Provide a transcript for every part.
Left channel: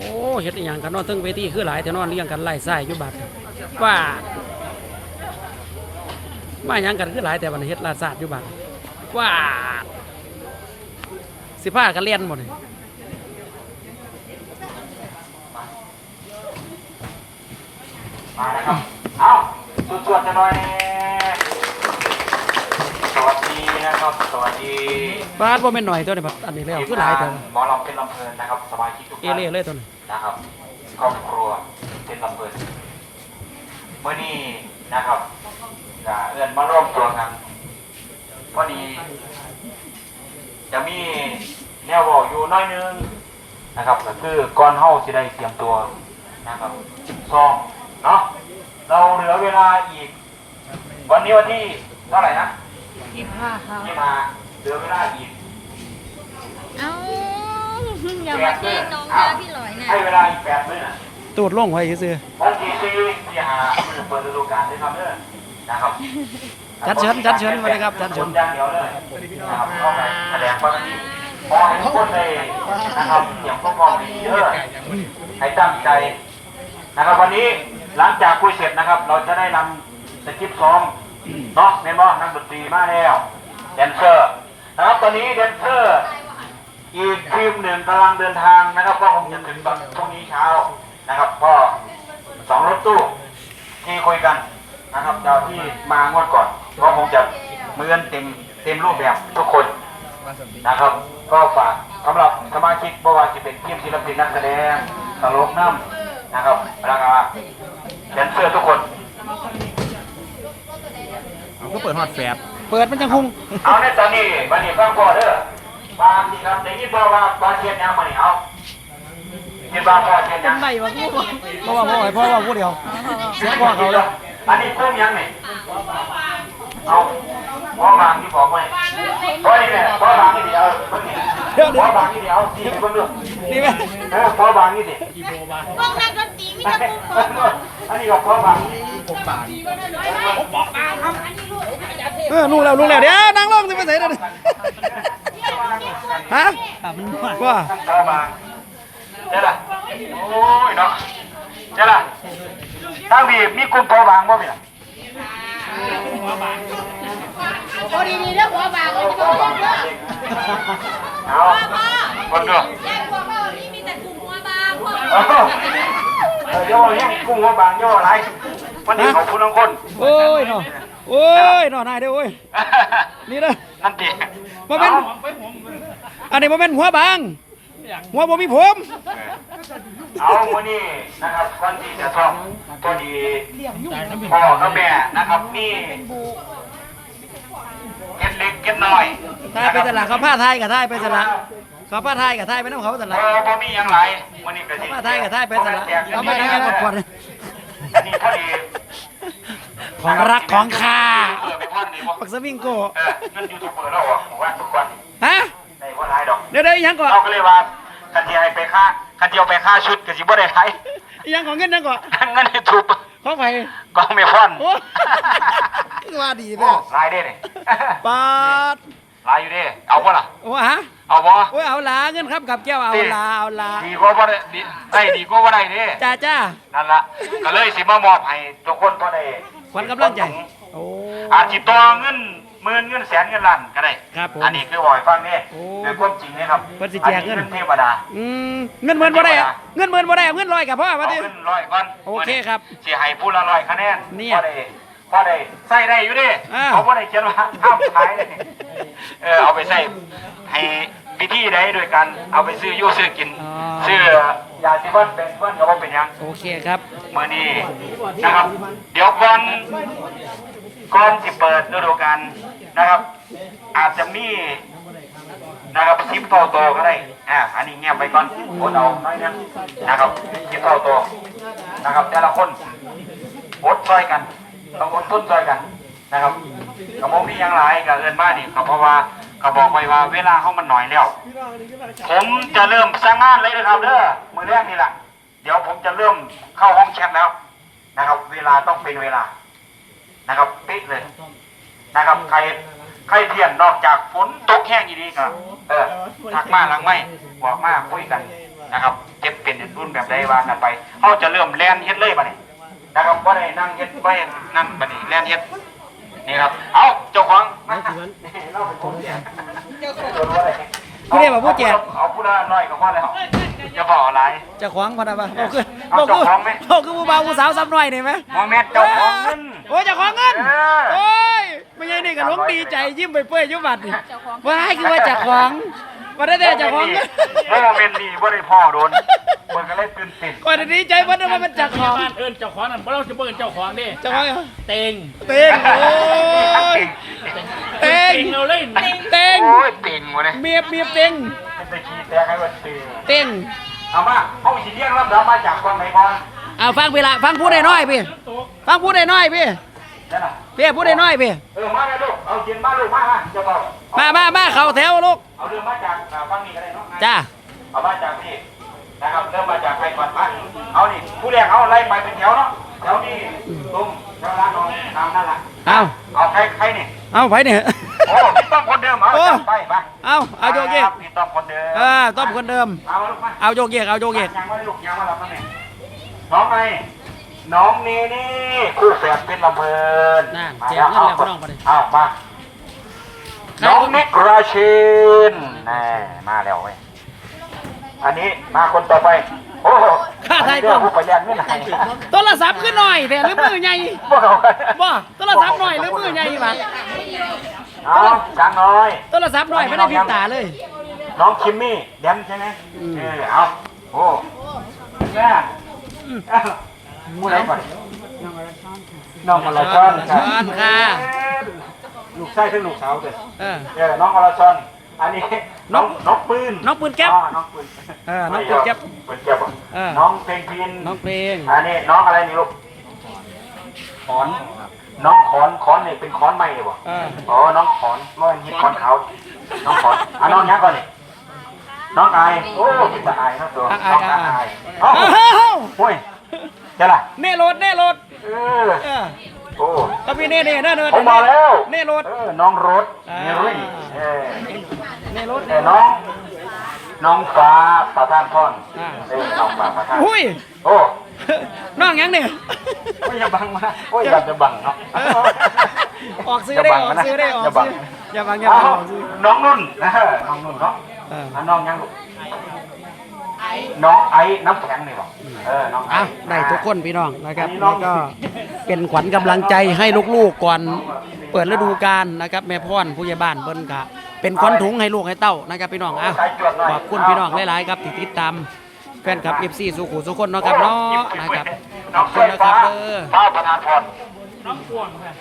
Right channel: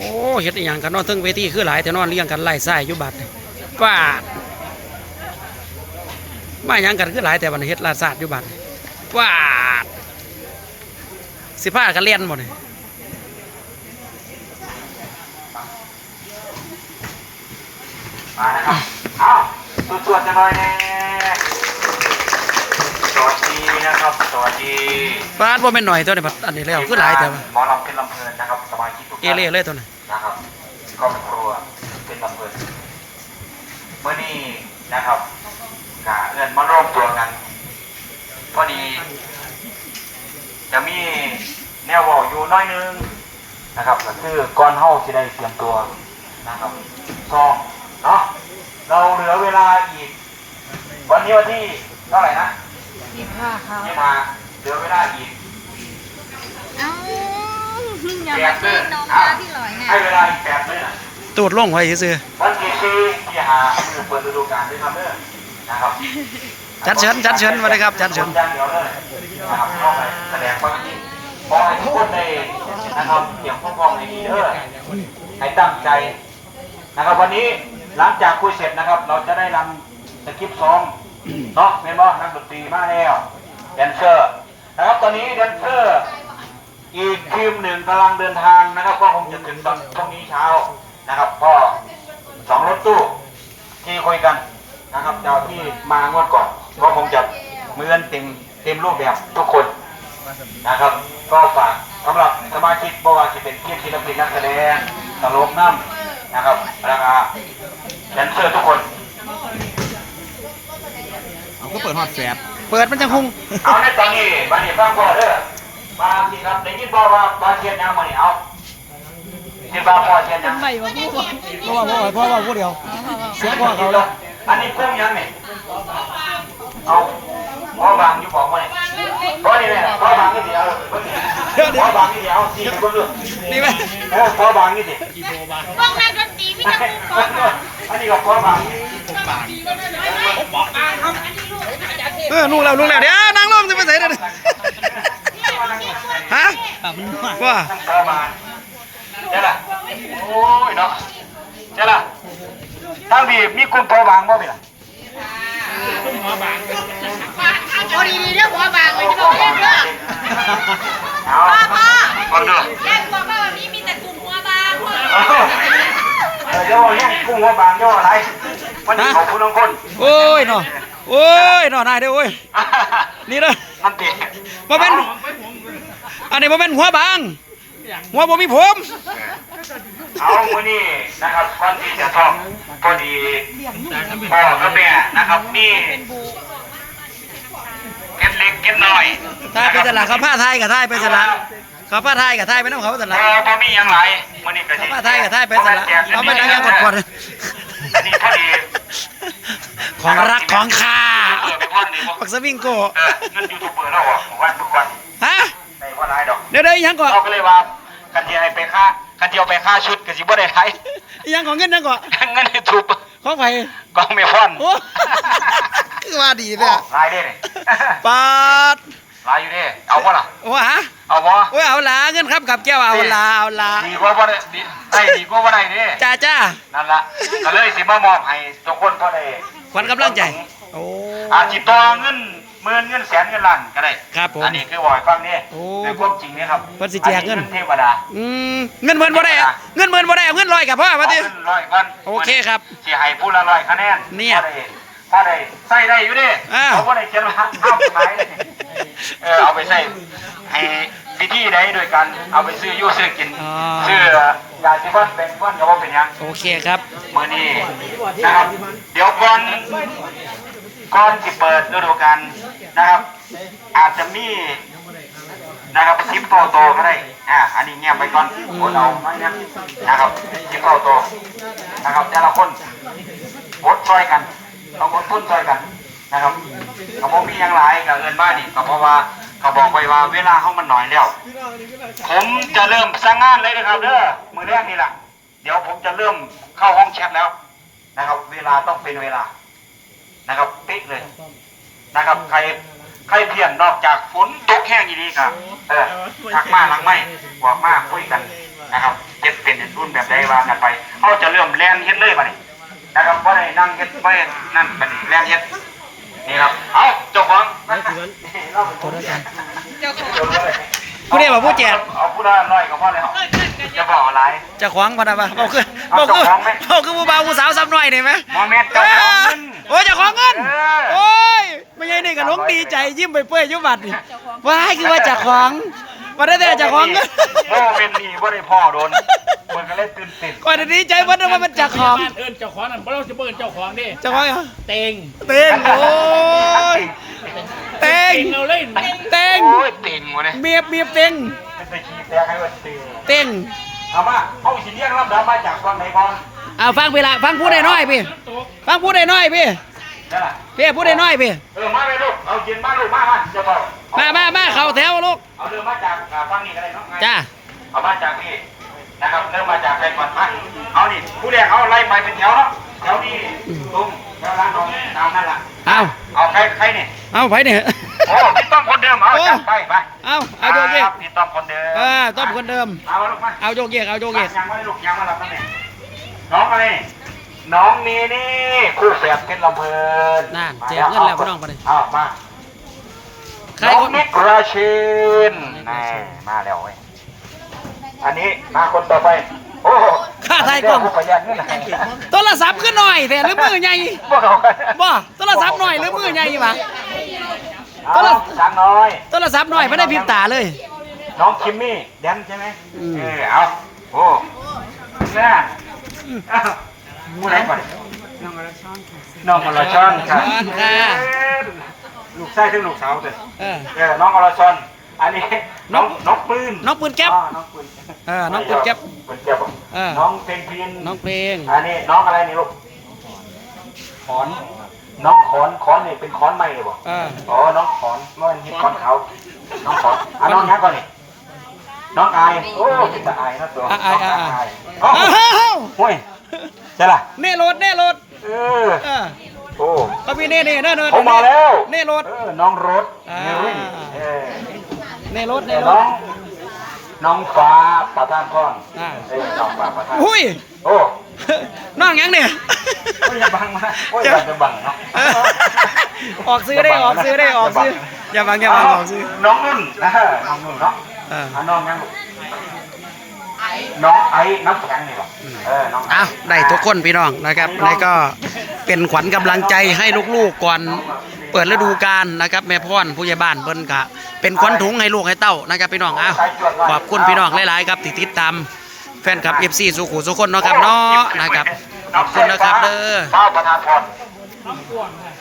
อ้เฮ็ดอหย่างกันเนอนเทึงเวทีคือหลายแต่นอนเลี้ยงกันไล่ไส้อยู่บัดนี่ป้าดมาหยังกันคือหลายแต่วันนี้เฮ็ดลาดซาดอยู่บัดนี่ป้าดสิพากันเล่นบ่นี่มานะครับเอาตรวจๆจะหน่อยแน่สวัสดีนะครับ สวัสดี ป้าดบ่แม่นหน่อยตัวนี้บัดอันนี้แล้วคือหลายแต่ว่าหมอลำเป็นลำเพลินนะครับสมาชิกทุกเอท่านเล่เลยตัวนี้นะครับครอบครัวเป็นลำเพลินเมื่อนี้นะครับกะเอื้อนมาร่วมตัวกันพอดีจะมีแนวบอกอยู่น้อยนึงนะครับก็คือก่อนเฮาจะได้เตรียมตัวนะครับซ้อมเนาะเราเหลือเวลาอีก วันนี้วันที่เท่าไหร่นะยี่สิบห้าเหลือเวลาอีกเอ้า อย่ามาแกล้งน้องนะพี่หลอยเนี่ยให้เวลาอีกแปดเดือนตูดลงไว้ซื่อวันที่สี่ที่หาคือเปิดฤดูกาลด้วยครับเด้อนะครับๆจัดเชิญจัดเชิญมาเลยครับจัดเชิญอย่างเดียวเลยนะครับเข้าไปแสดงความยินดีขอให้ทุกคนได้นะครับเตรียมพร้อมในนี้เด้อให้ตั้งใจนะครับวันนี้หลังจากคุยเสร็จนะครับ เราจะได้นำสคริปต์ซ้อมเนาะเมนบอนักดนตรีมาแล้วแดนเซอร์นะครับตอนนี้แดนเซอร์ อีกทีมหนึ่งกำลังเดินทางนะครับ ก็คงจะถึงตอนพรุ่งนี้เช้านะครับ ก็สองรถตู้ที่คุยกันนะครับเจ้าที่มางวดก่อนก็คงจะเหมือนเต็มเต็มรูปแบบทุกคนนะครับ ก็ฝากสำหรับสมาชิกบว่าจะเป็นทีมศิลปินนักแสดงตลกน้ำนะครับแล้วก็แดนเซอร์ทุกคนเอาก็เปิดฮอตแฟดเปิดมันจังคงเอาในตอนนี้วันนี้ฟังก่อนเด้อ บางทีครับได้ยินบอกว่าบาเทียนยังมาเนี่ยเอาคิดว่าพ่อเทียนยังเพราะว่าพ่อให้พ่อว่าผู้เดียวเสียงพ่อเขาเลยอันนี้พุ่มยังนี่เอาพ่อบางอยู่ของไว้พ่อนี่เนี่ยพ่อบางนี่เดียวพ่อบางนี่เดียวสี่ไปเบิ่งเรื่องนี่ไหมเออพ่อบางนี่ดิวงนักดนตรีพี่จะพูดก่อนอันนี้ก็พ่อบางเออลุงแล้วลุงแล้วเดี๋ยวนางลงจะไปไหนเด้อ ฮะว่าพ่อบางเจ้าล่ะโอ้ยเนาะเจ้าล่ะตั้งดีมีกลุ่มพ่อบางบ่เพี่ยพอดีๆเรื่องหัวบางเลยจะบอกเรื่องเรื่องพ่อพ่อฟังเด้อแยกหัวบางวันนี้มีแต่กลุ่มหัวบางพ่อเออเออย่อเนี่ยกุ้งหัวบางย่ออะไรมันนี่ของคุณทั้งคนโอ้ยเนาะ โอ้ยเนาะนายเด้อโอ้ยนี่เด้อนั่นดิบ่เป็นอันนี้บ่เป็นหัวบาง หัวบ่มีผมเอาวันนี้นะครับก่อนที่จะท่องพอดีพ่อกับแม่นะครับนี่เก็บเล็กเก็บน้อยทายไปสละเขาผ้าทายกับทายไปสละเขาผ้าทายกับทายไปน้ำเขาสพละอพอมีอย่างไรวันนี้ก็เขาสิผ้าทายกับทายไปสละเอาไปนั่งยังกดกดอันนี้พอดี ของรักของข้าเออไปพ่อนนี่บ่ปักสวิงโกเออเงินยูทูบเบอร์เราออกผมว่าทุกวันฮะในว่าไรดอกเดี๋ยวเดี๋ยวอีหยังก่อนเราก็เลยว่าคันที่ให้ไปค่าคันที่เอาไปค่าชุดก็สิบ่ได้ไรอีหยังของเงินนั่นก่อนเงินยูทูบของไผกองเมฟอนโอ้คือว่าดีโอ้เนี่ยลายได้เนี่ยปาดลายอยู่ดิเอาบ่ล่ะโอ้ฮะเอาบ่โอ้ยเอาละเงินครับกับแก้วเอาละเอาละดีกว่าบ่ได้ดีได้ดีกว่าบ่ได้นี่จ้าจ้านั่นล่ะก็เลยสิมามอบให้ทุกคนก็ได้ ขวัญกำลังใจ โอ้ อาจสิต่อเงินหมื่นเงินแสนเงินล้านก็ได้ครับผมอันนี้คือบ่อยฟังนี่โอ้โดยความจริงนี่ครับเพิ่นสิแจกเงิน อัเทวดาอืมเงินหมื่นบ่ได้อะเงินหมื่นบ่ได้เอาเงินร้อยกับพ่อมาดิ เอาเงินร้อยก่อนโอเคครับสิให้ผู้ละร้อยคะแนนเนี่ยพอได้พอได้ใส่ได้อยู่ดิอ้าว เขาบ่ได้เขียนว่าห้ามขายเลยเออเอาไปใส่ให้ พิธีใดโดยการเอาไปซื้ออยู่ซื้อกิน อ๋อ ซื้อยาสีฟันแบ่งฟันก็บ่เป็นหยัง โอเคครับ มื่อนี้นะครับ เดี๋ยวก่อนก่อนที่เปิดฤดูกาลนะครับ อาจจะมีนะครับซิปโตโตก็ได้อ่าอันนี้เงียบไปก่อนอดเอาไม่นะนะครับซิปโตโตนะครับ แต่ละคนอดช่วยกันต้องอดทนช่วยกันนะครับกระบอกมีอย่างไรกับเงินมานี่ก็เพราะว่า เขาบอกไว้ว่าเวลาเขามันหน่อยแล้ว ผมจะเริ่มสร้างงานเลยนะครับเด้อมือแรกนี่แหละเดี๋ยวผมจะเริ่มเข้าห้องแชทแล้วนะครับ เวลาต้องเป็นเวลานะครับเป๊ะเลยนะครับ ใครใครเพียนนอกจากฝนตกแห้งอีดีก็เออทักมาหลังไม่บอกมาคุยกันนะครับเจ็ดเป็นทุนแบบใดวางกันไปเขาจะเริ่มแลนเฮ็ดเลยบัดนี้นะครับบ่ได้นั่งเฮ็ดไปนั่นบัดนี้แลนเฮ็ด นี่ครับ เอาเจ้าของโทรศัพท์เจ้าของผู้ใดบอกผู้แจกเอาผู้ละร้อยก็พอแล้วจะบอกอะไรเจะขวางพอนะปะบอกคือบอกคือเอาเจ้าของไหมบอกคือผู้บ่าวผู้สาวซ้ำหน่อยนี่ไหมมอแม่นเจ้าของเงินโอ้ยเจ้าของเงินเออโอ้ยไม่ใช่นี่กับลงดีใจยิ้มไปเปื่อยยิ้มบัดนี่ว้ายคือว่าเจ้าของมาได้แต่เจ้าของเงินโมเมนต์นี้บ่ได้พ่อโดน มันก็เลยตื่นเต้นก่อนจะดีใจว่าว่ามันเจ้าของเอิ้นเจ้าของนั่นบ่เราจะเบิ่นเจ้าของดิเจ้าของเหรอเต็งเต้งโอ้ยเต้งเราเล่นเต้งโอ้ยเต็งวะเนี่ยเมียบเมียบเต้งเป็นไปขี้แตกให้วันเต็งเต้งเอามาเอาสิเรียกลำดับมาจากฟังไหนก่อนเอาฟังพี่ละฟังพูดได้น้อยพี่ฟังพูดได้น้อยพี่นั่นน่ะพี่พูดได้น้อยพี่เออมาเลยลูกเอาเขียนมาลูกมามาจะบอกมามามาเข้าแถวลูกเอาเริ่มมาจากอ่าฟังนี้ก็ได้เนาะจ้าเอามาจากนี่ นะครับเริ่มมาจากใครก่อนมาเอานี่ผู้แรกเอาไล่ไปเป็นแถวเนาะแถวนี้ตุ้มแถวร้านน้องตามนั่นล่ะเอาเอาใครใครนี่เอาไปเนี่ยโอ้พี่ต้อมคนเดิมเอาจับไปไปเอาเอาโยกเยกครับพี่ต้อมคนเดิมเออต้อมคนเดิมเอามาลูกมาเอาโยกเยกเอาโยกเยกยังไม่ได้ลูกยังมาหลับนั่นเองน้องอะไรน้องนี่นี่คู่แฝดเป็นลำเพลินนั่นแจกเงินแล้วพี่น้องไปเลยอ้าวมาใครน้อคงนนิกราชินนี่มาแล้วเว้ย อันนี้มาคนต่อไปโอ้ข้าไทยก่อนผู้ประหยัดเงินไหนโทรศัพท์ขึ้นหน่อยแต่หรือมือใหญ่บ่โทรศัพท์หน่อยหรือมือใหญ่มาเอาจังน้อยโทรศัพท์หน่อยไม่ได้พิมพ์ตาเลย น้องคิมมี่แดนใช่ไหมอืมเออเอาโอ้แม่เอามูไหนก่อนน้องอลชอนค่ะน้องอลชอนค่ะช้อนค่ะลูกไส้ถึงลูกสาวเด้อเออเออน้องอลชอน อันนี้น้องน้องปืนน้องปืนแก๊ปอ๋อน้องปืนเออน้องปืนแก๊ปปืนแก๊ปเออน้องเพลงพินน้องเพลงอันนี้น้องอะไรนี่ลูกขอนน้องขอนขอนนี่เป็นขอนใหม่เลยบ่เอออ๋อน้องขอนเมื่อฮิตขอนขาวน้องขอนอะน้องยังก่อนนี่น้องอายโอ้เป็นตาอายนะตัวอะน้องอะอาอะยเอ้าอ้าวห้วยเจ้าล่ะเน่รถเน่รถเออเออโอ้ก็มีเน่เน่เน่เน่ผมมาแล้วเน่รถเออน้องรถอ่าเนรี่เออเน่รถเอเน่อรน้อถงน้องฟ้าประธานพรอ่า เออน้องฟ้าประธานอุ้ยโอ้น้องยังเนี่ย โอ้ยอย่าบังมาโอ้ยอย่าจะบังเนาะ ออกซื้อได้ออกซื้อได้ออกซื้ออย่าบังอย่าบังออกซื้อน้องนุ่นนะฮะน้องนุ่นเนาะเออน้องยังลูกน้องไอ้น้ำแข็งนี่ป่ะเออน้องอ้าวได้ทุกคนพี่น้องนะครับนี่ก็เป็นขวัญกำลังใจให้ลูกๆก่อน เปิดฤดูกาลนะครับแม่พ่อนผู้ใหญ่บ้านเพิ่นกะเป็นขวัญถุงให้ลูกให้เต้านะครับพี่น้องอ้าวขอบคุณพี่น้องหลายๆครับที่ติดตามแฟนคลับ FC สุขุสุคนเนาะครับเนาะนะครับขอบคุณนะครับเด้อฟ้าประธานพร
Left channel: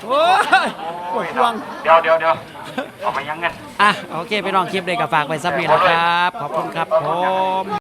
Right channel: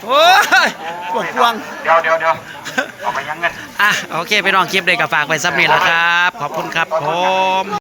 โอ้ยปวดพวงเดี๋ยวเดี๋ยวเดี๋ยวเอาไปยังเงินอะโอเคพี่น้องคลิปเลยกับฝากไปซับนี่แหละครับ ขอบคุณครับผม